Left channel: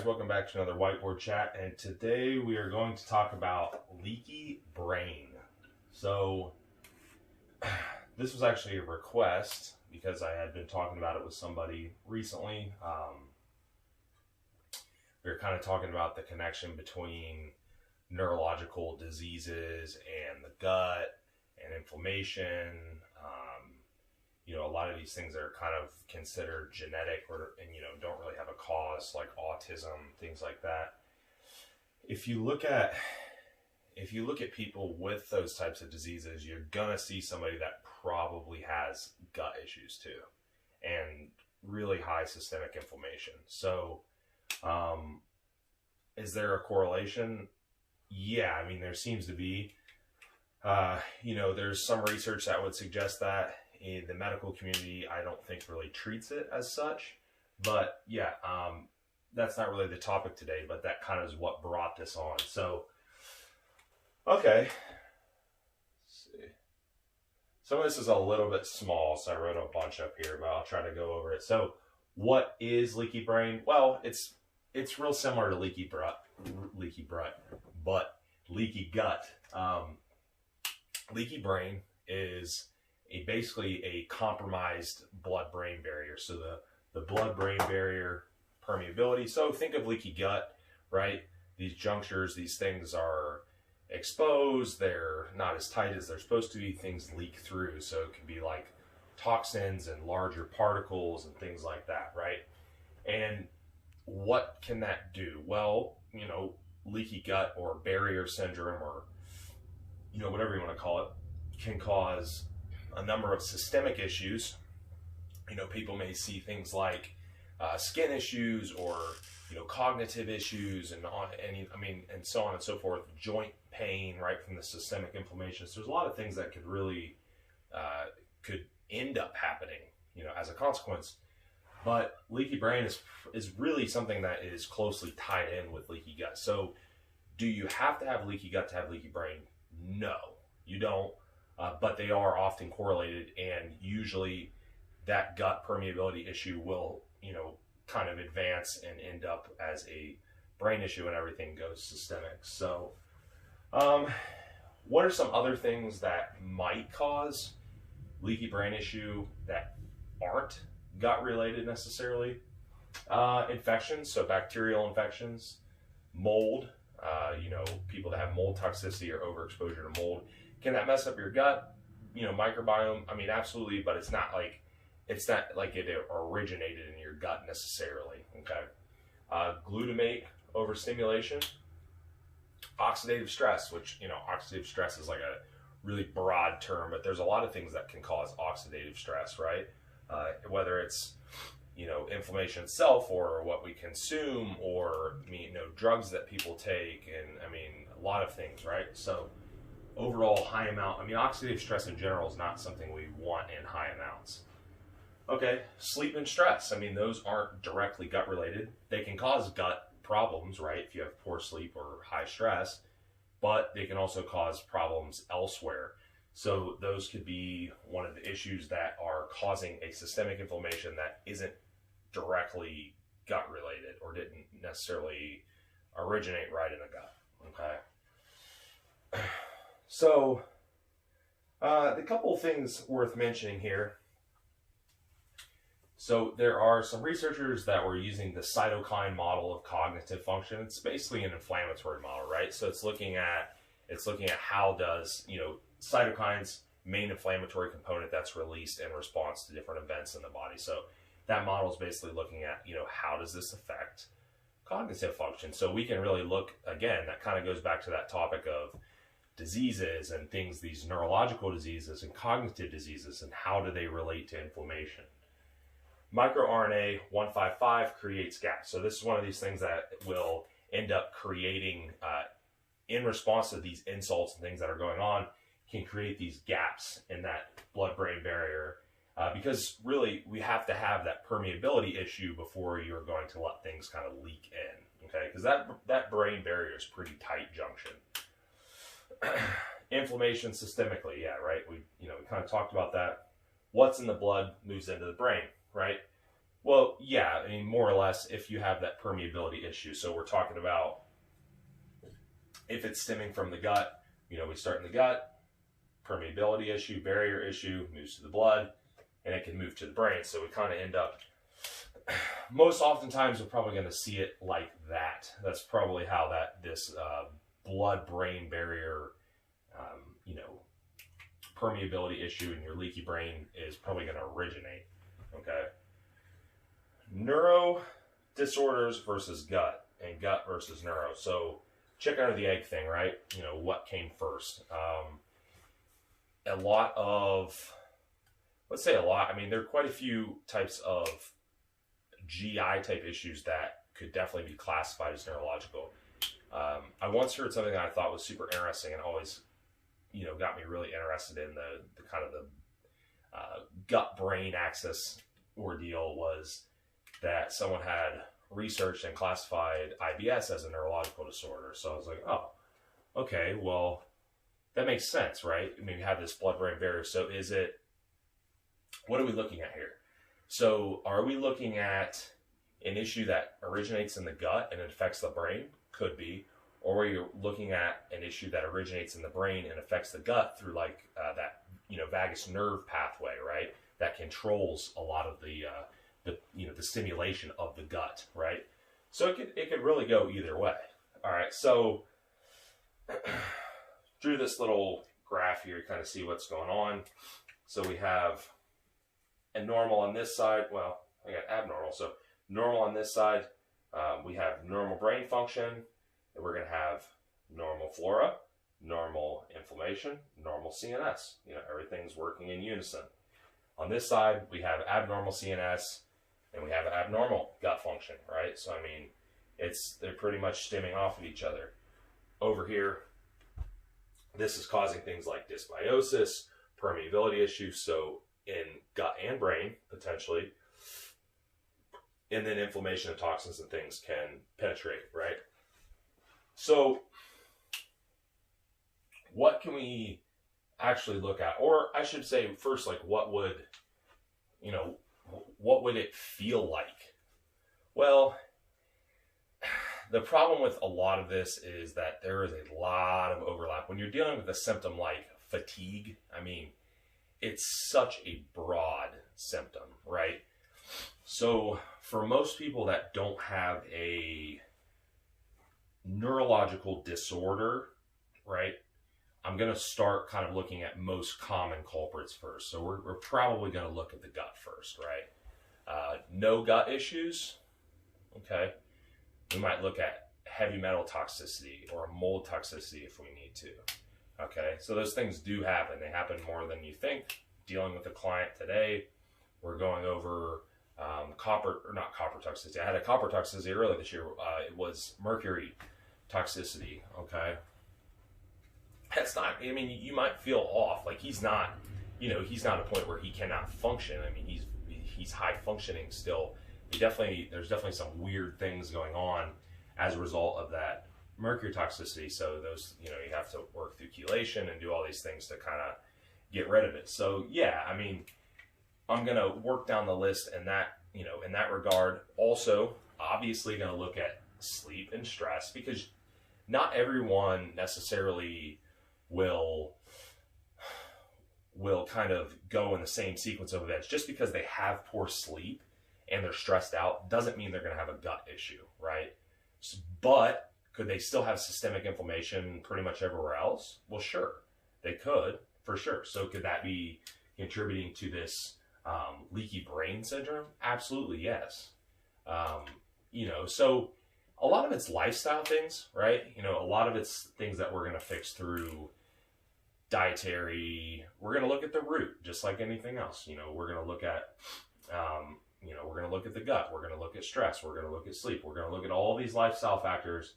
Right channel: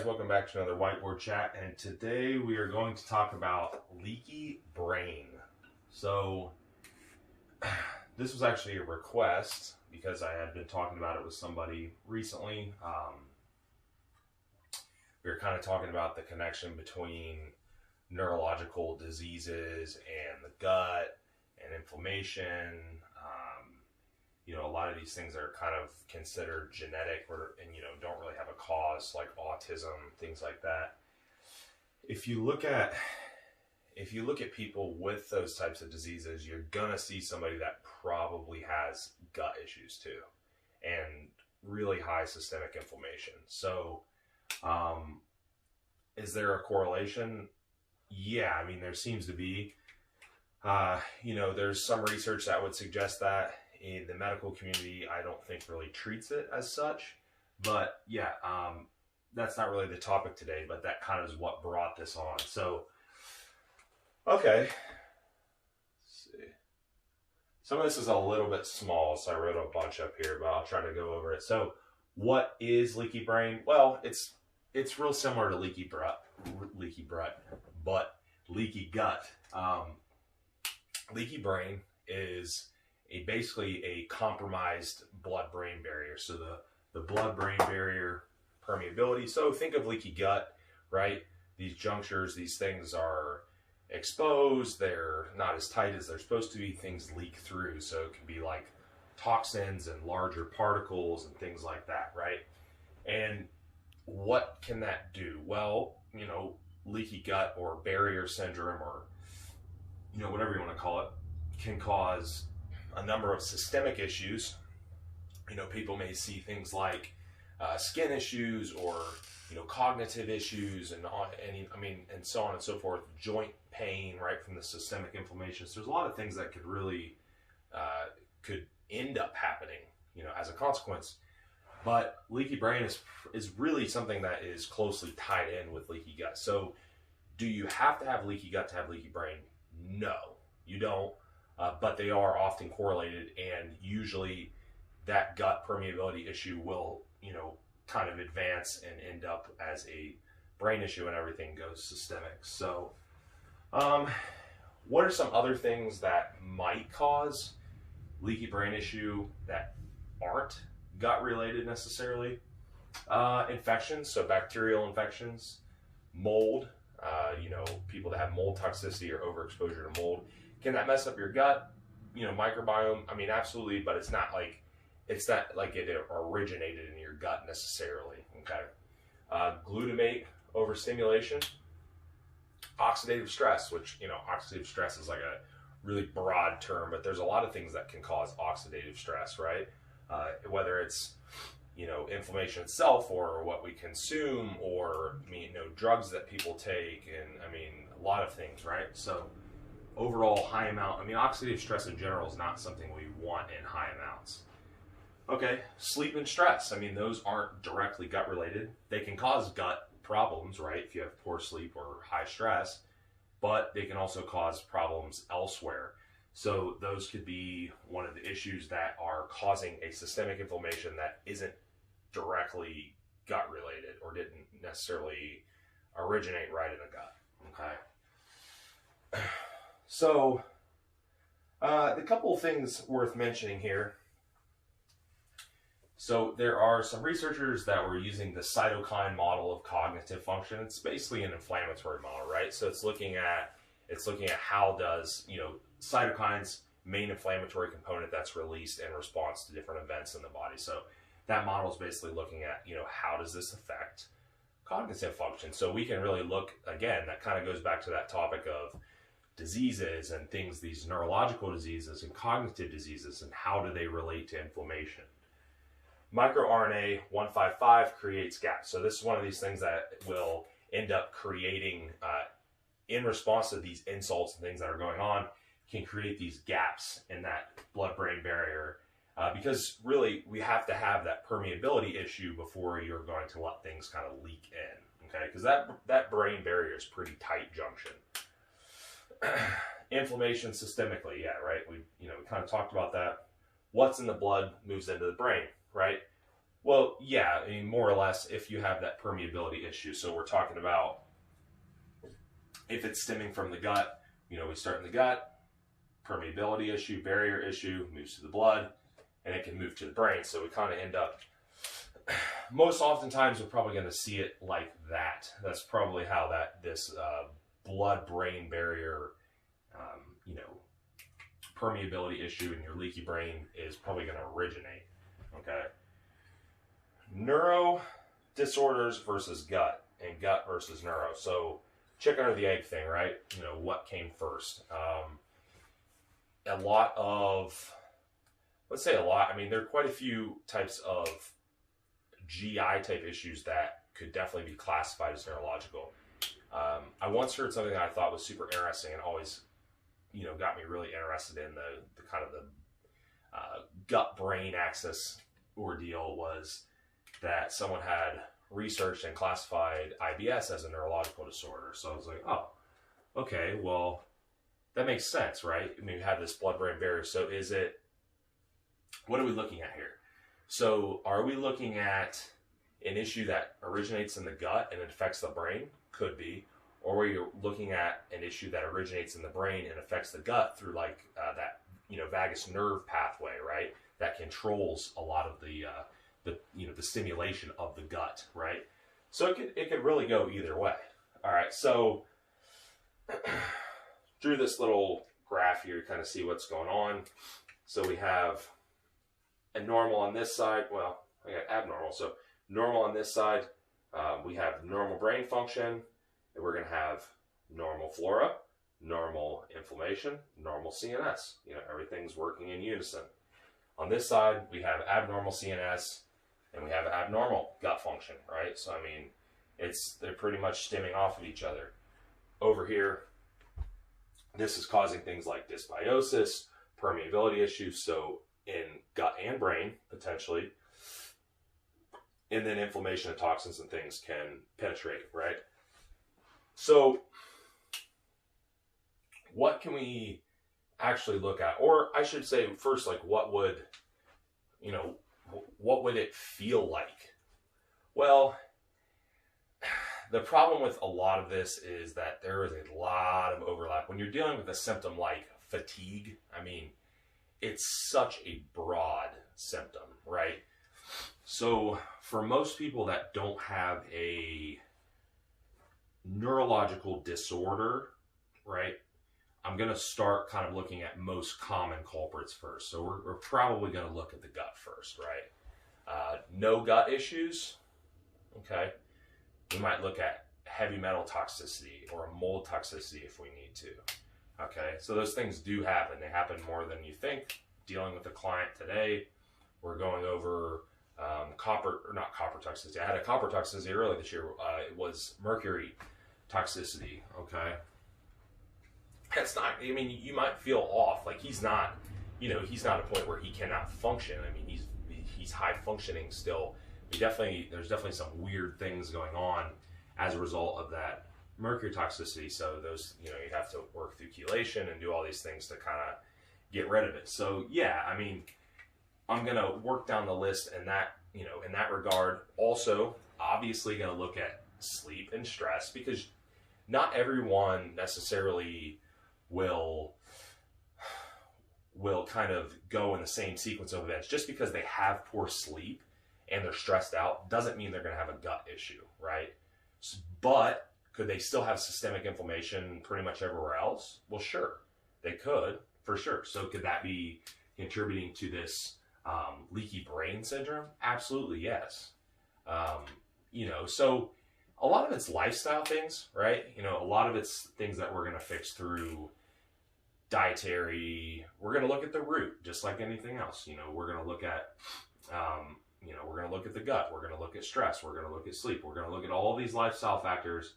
guys, welcome back to another whiteboard chat, and today we are going to talk about leaky brain. So this was actually a request because I had been talking about it with somebody recently. We were kind of talking about the connection between neurological diseases and the gut and inflammation. A lot of these things are kind of considered genetic and don't really have a cause, like autism, things like that. If you look at people with those types of diseases, you're gonna see somebody that probably has gut issues too, and really high systemic inflammation. So is there a correlation? Yeah, I mean, there seems to be. There's some research that would suggest that. In the medical community, I don't think really treats it as such, but yeah, that's not really the topic today, but that kind of is what brought this on. So, okay, let's see. Some of this is a little bit small, so I wrote a bunch up here, but I'll try to go over it. So, what is leaky brain? Well, it's real similar to leaky gut, but leaky gut. Leaky brain is basically a compromised blood-brain barrier. So the blood-brain barrier permeability. So think of leaky gut, right? These junctures, these things are exposed. They're not as tight as they're supposed to be. Things leak through. So it can be like toxins and larger particles and things like that, right? And what can that do? Well, leaky gut or barrier syndrome, or whatever you want to call it, can cause a number of systemic issues. People may see things like skin issues, or cognitive issues, and so on and so forth. Joint pain, right, from the systemic inflammation. So there's a lot of things that could really could end up happening, as a consequence. But leaky brain is really something that is closely tied in with leaky gut. So, do you have to have leaky gut to have leaky brain? No, you don't. But they are often correlated, and usually that gut permeability issue will, kind of advance and end up as a brain issue, and everything goes systemic. So, what are some other things that might cause leaky brain issue that aren't gut related necessarily? Infections, so bacterial infections, mold, people that have mold toxicity or overexposure to mold. Can that mess up your gut, microbiome? I mean, absolutely, but it's not like it originated in your gut necessarily, okay? Glutamate overstimulation, oxidative stress, which, oxidative stress is like a really broad term, but there's a lot of things that can cause oxidative stress, right? Whether it's, inflammation itself, or what we consume, or, drugs that people take, and a lot of things, right? So, overall high amount, oxidative stress in general is not something we want in high amounts. Okay, sleep and stress. Those aren't directly gut related. They can cause gut problems, right, if you have poor sleep or high stress, but they can also cause problems elsewhere. So those could be one of the issues that are causing a systemic inflammation that isn't directly gut related, or didn't necessarily originate right in the gut, okay? So, the couple of things worth mentioning here. So there are some researchers that were using the cytokine model of cognitive function. It's basically an inflammatory model, right? So it's looking at how does, cytokines, main inflammatory component that's released in response to different events in the body. So that model is basically looking at, how does this affect cognitive function? So we can really look, again, that kind of goes back to that topic of diseases and things, these neurological diseases and cognitive diseases, and how do they relate to inflammation. MicroRNA 155 creates gaps. So this is one of these things that will end up creating, in response to these insults and things that are going on, can create these gaps in that blood-brain barrier, because really we have to have that permeability issue before you're going to let things kind of leak in, okay? Because that brain barrier is pretty tight junction. Inflammation systemically, yeah, right? We kind of talked about that. What's in the blood moves into the brain, right? Well, yeah, I mean, more or less, if you have that permeability issue. So we're talking about if it's stemming from the gut, we start in the gut, permeability issue, barrier issue, moves to the blood, and it can move to the brain. So we kind of end up, most oftentimes, we're probably going to see it like that. That's probably how this blood-brain barrier, permeability issue in your leaky brain is probably going to originate. Okay. Neuro disorders versus gut, and gut versus neuro. So chicken or the egg thing, right? What came first? A lot of, let's say a lot, I mean, there are quite a few types of GI type issues that could definitely be classified as neurological. I once heard something that I thought was super interesting and always, got me really interested in the kind of the gut-brain axis ordeal, was that someone had researched and classified IBS as a neurological disorder. So I was like, oh, okay, well, that makes sense, right? I mean, we have this blood-brain barrier. So what are we looking at here? So are we looking at an issue that originates in the gut and it affects the brain? Could be. Or are you looking at an issue that originates in the brain and affects the gut through like that, vagus nerve pathway, right? That controls a lot of the stimulation of the gut, right? So it could really go either way. All right, so drew this little graph here to kind of see what's going on. So we have a normal on this side. Well, I got abnormal. So normal on this side, we have normal brain function, and we're going to have normal flora, normal inflammation, normal CNS. Everything's working in unison. On this side, we have abnormal CNS, and we have abnormal gut function, right? So, I mean, they're pretty much stemming off of each other. Over here, this is causing things like dysbiosis, permeability issues, so in gut and brain, potentially. And then inflammation and toxins and things can penetrate, right? So, what can we actually look at? Or I should say first, like, what would it feel like? Well, the problem with a lot of this is that there is a lot of overlap. When you're dealing with a symptom like fatigue, I mean, it's such a broad symptom, right? So for most people that don't have a neurological disorder, right, I'm going to start kind of looking at most common culprits first. So we're probably going to look at the gut first, right? No gut issues, okay? We might look at heavy metal toxicity or mold toxicity if we need to, okay? So those things do happen. They happen more than you think. Dealing with a client today, we're going over not copper toxicity. I had a copper toxicity earlier this year. It was mercury toxicity, okay? That's not, I mean, you might feel off. Like he's not at a point where he cannot function. I mean, he's high functioning still. There's definitely some weird things going on as a result of that mercury toxicity. So those, you have to work through chelation and do all these things to kind of get rid of it. So yeah, I mean, I'm going to work down the list in that regard. Also, obviously going to look at sleep and stress, because not everyone necessarily will kind of go in the same sequence of events. Just because they have poor sleep and they're stressed out doesn't mean they're going to have a gut issue, right? But could they still have systemic inflammation pretty much everywhere else? Well, sure, they could, for sure. So could that be contributing to this leaky brain syndrome? Absolutely, yes. So a lot of it's lifestyle things, right? A lot of it's things that we're going to fix through dietary. We're going to look at the root, just like anything else. We're going to look at, we're going to look at the gut. We're going to look at stress. We're going to look at sleep. We're going to look at all these lifestyle factors.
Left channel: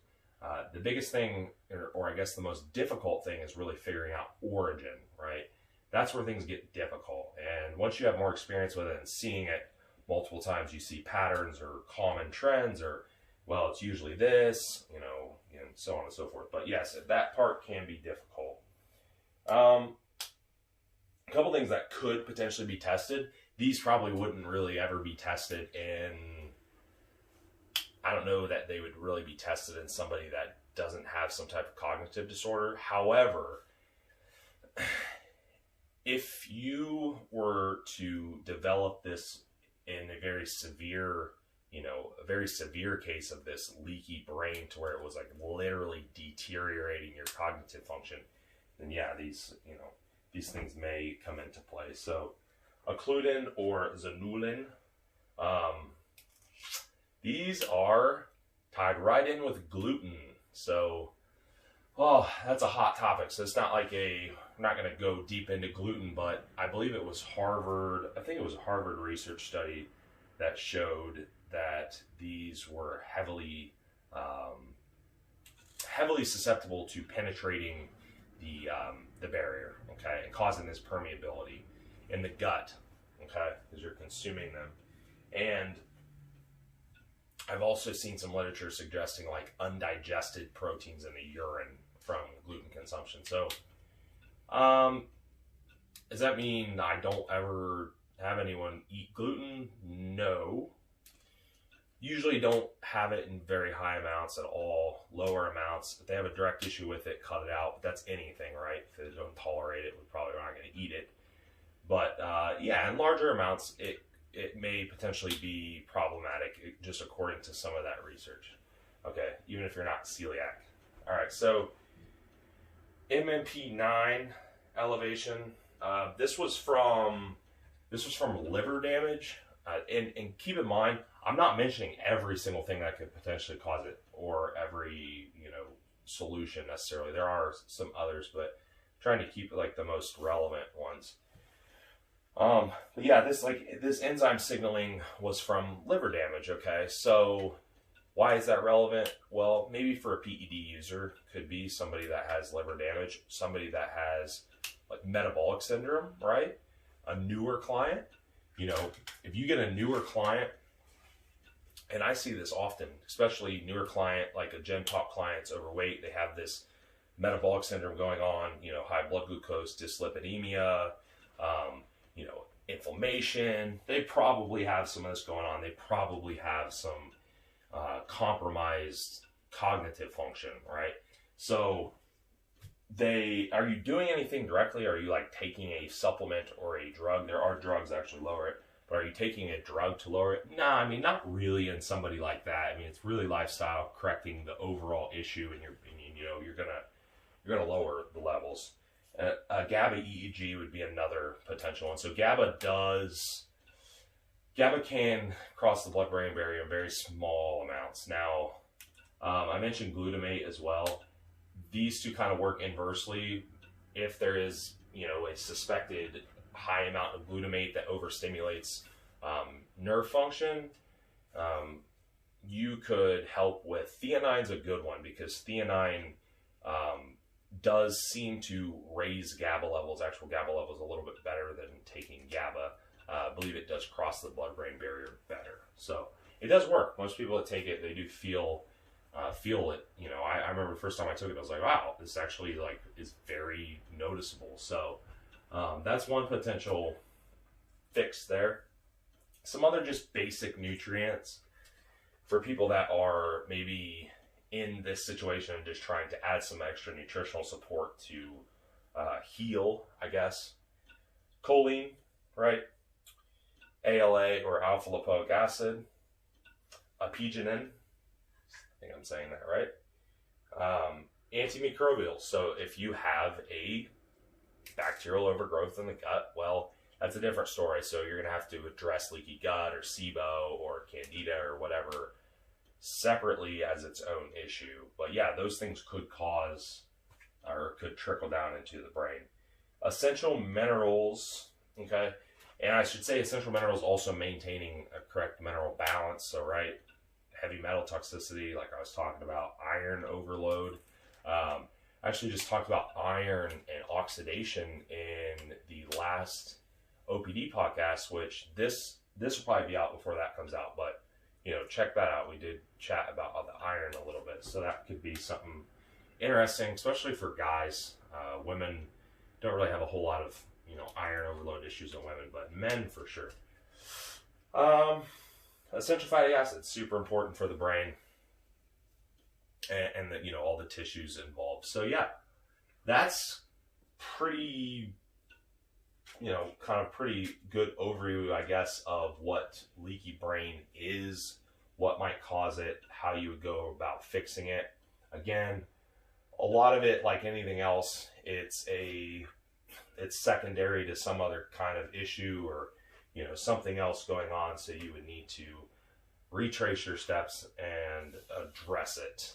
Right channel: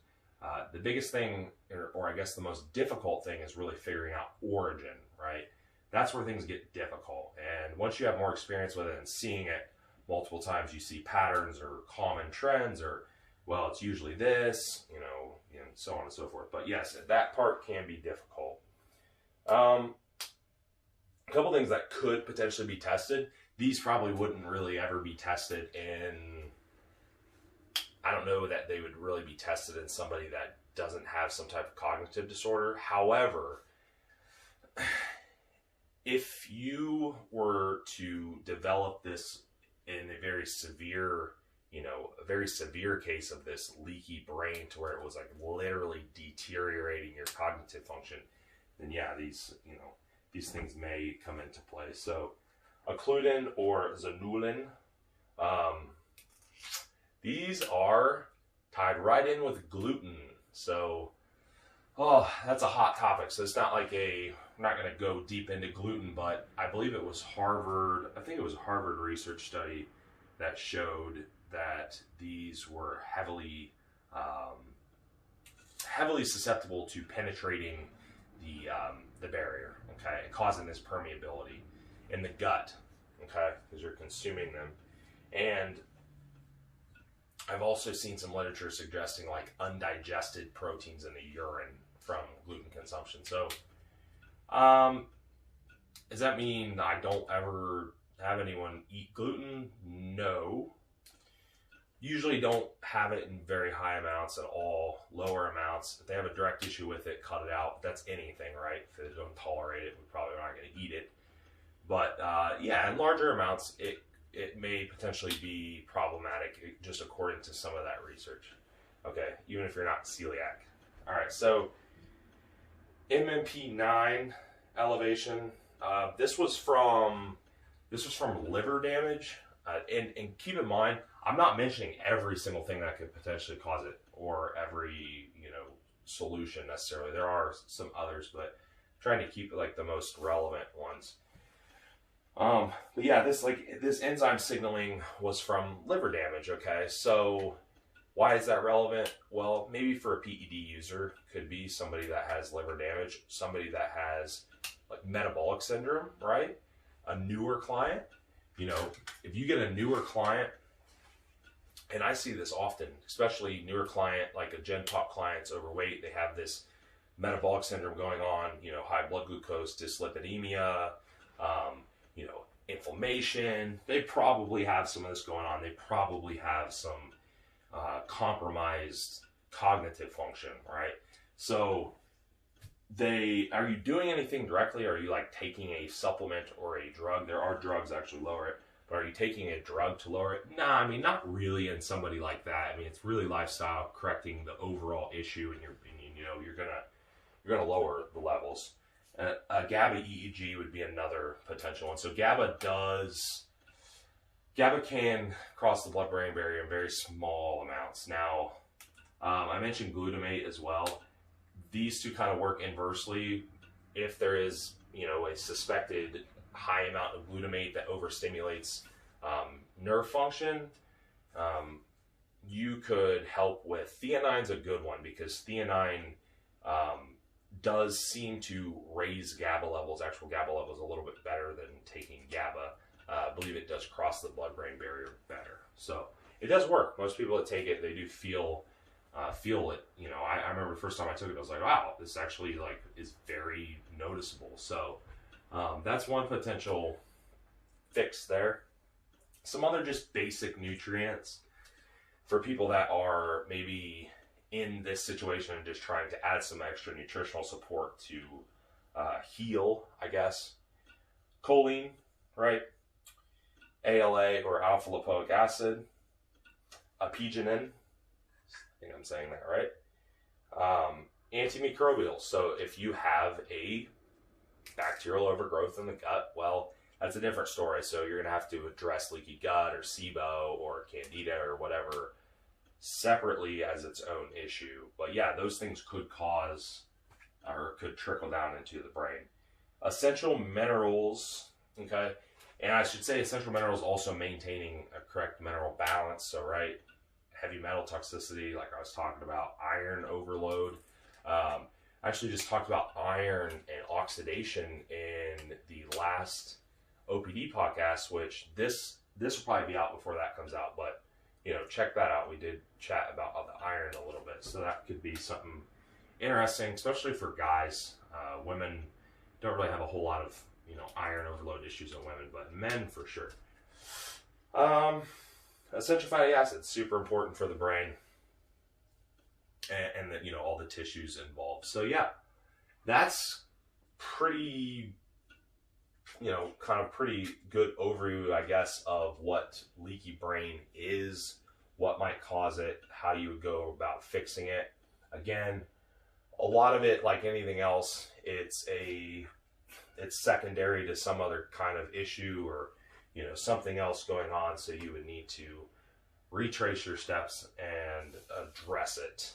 The biggest thing, or I guess the most difficult thing, is really figuring out origin, right? That's where things get difficult. And once you have more experience with it and seeing it multiple times, you see patterns or common trends, or, well, it's usually this, and so on and so forth. But yes, that part can be difficult. A couple things that could potentially be tested these probably wouldn't really ever be tested in, I don't know that they would really be tested in somebody that doesn't have some type of cognitive disorder. However, if you were to develop this in a very severe, a very severe case of this leaky brain to where it was like literally deteriorating your cognitive function, then yeah, these things may come into play. So occludin or zanulin, these are tied right in with gluten. So, that's a hot topic. So it's not like I'm not going to go deep into gluten, but I believe it was Harvard, I think it was a Harvard research study that showed that these were heavily susceptible to penetrating the barrier, okay, and causing this permeability in the gut, okay, because you're consuming them. And I've also seen some literature suggesting like undigested proteins in the urine from gluten consumption. So, does that mean I don't ever have anyone eat gluten? No. Usually don't have it in very high amounts at all, lower amounts. If they have a direct issue with it, cut it out. That's anything, right? If they don't tolerate it, we probably aren't going to eat it. But yeah, in larger amounts, it may potentially be problematic, just according to some of that research. Okay, even if you're not celiac. All right, so MMP9 elevation. This was from liver damage, and keep in mind, I'm not mentioning every single thing that could potentially cause it, or every solution necessarily. There are some others, but I'm trying to keep like the most relevant ones. But yeah, this enzyme signaling was from liver damage. Okay, so why is that relevant? Well, maybe for a PED user, could be somebody that has liver damage, somebody that has like metabolic syndrome, right? A newer client, if you get a newer client, and I see this often, especially newer client, like a Gen Pop client's overweight, they have this metabolic syndrome going on, high blood glucose, dyslipidemia, inflammation. They probably have some of this going on. They probably have some compromised cognitive function, right? So are you doing anything directly? Are you like taking a supplement or a drug? There are drugs that actually lower it, but are you taking a drug to lower it? Nah, I mean, not really in somebody like that. I mean, it's really lifestyle correcting the overall issue, and you're gonna lower the levels. A GABA EEG would be another potential one. So GABA can cross the blood-brain barrier in very small amounts. Now, I mentioned glutamate as well. These two kind of work inversely. If there is, a suspected high amount of glutamate that overstimulates nerve function, you could help with theanine's a good one, because theanine does seem to raise GABA levels, actual GABA levels, a little bit better than taking GABA. I believe it does cross the blood-brain barrier better. So it does work. Most people that take it, they do feel it. I remember the first time I took it, I was like, wow, this actually is very noticeable. So that's one potential fix there. Some other just basic nutrients for people that are maybe in this situation and just trying to add some extra nutritional support to heal, I guess. Choline, right? ALA or alpha lipoic acid. Apigenin, I think I'm saying that right. Antimicrobials. So if you have a bacterial overgrowth in the gut, well, that's a different story. So you're going to have to address leaky gut or SIBO or candida or whatever separately as its own issue. But yeah, those things could cause or could trickle down into the brain. Essential minerals, okay? And I should say essential minerals also maintaining a correct mineral balance. So, right, heavy metal toxicity, like I was talking about, iron overload. I actually just talked about iron and oxidation in the last OPD podcast, which this will probably be out before that comes out, but check that out. We did chat about the iron a little bit, so that could be something interesting, especially for guys. Women don't really have a whole lot of you know, iron overload issues in women, but men for sure. Essential fatty acids, super important for the brain and the, you know, all the tissues involved. So yeah, that's pretty, you know, kind of pretty good overview, I guess, of what leaky brain is, what might cause it, how you would go about fixing it. Again, a lot of it, like anything else, it's secondary to some other kind of issue or, you know, something else going on. So you would need to retrace your steps and address it.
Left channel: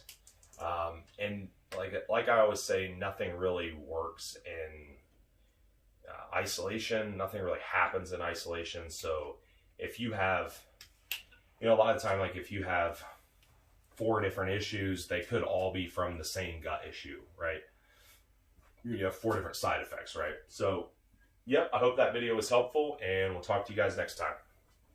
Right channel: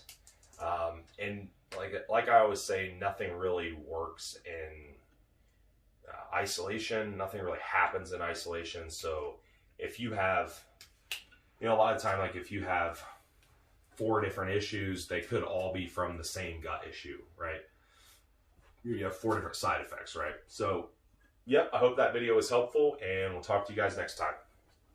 And like I always say, nothing really works in isolation. Nothing really happens in isolation. So if you have, you know, a lot of the time, like if you have 4 different issues, they could all be from the same gut issue, right? You have 4 different side effects, right? So, yep, I hope that video was helpful, and we'll talk to you guys next time.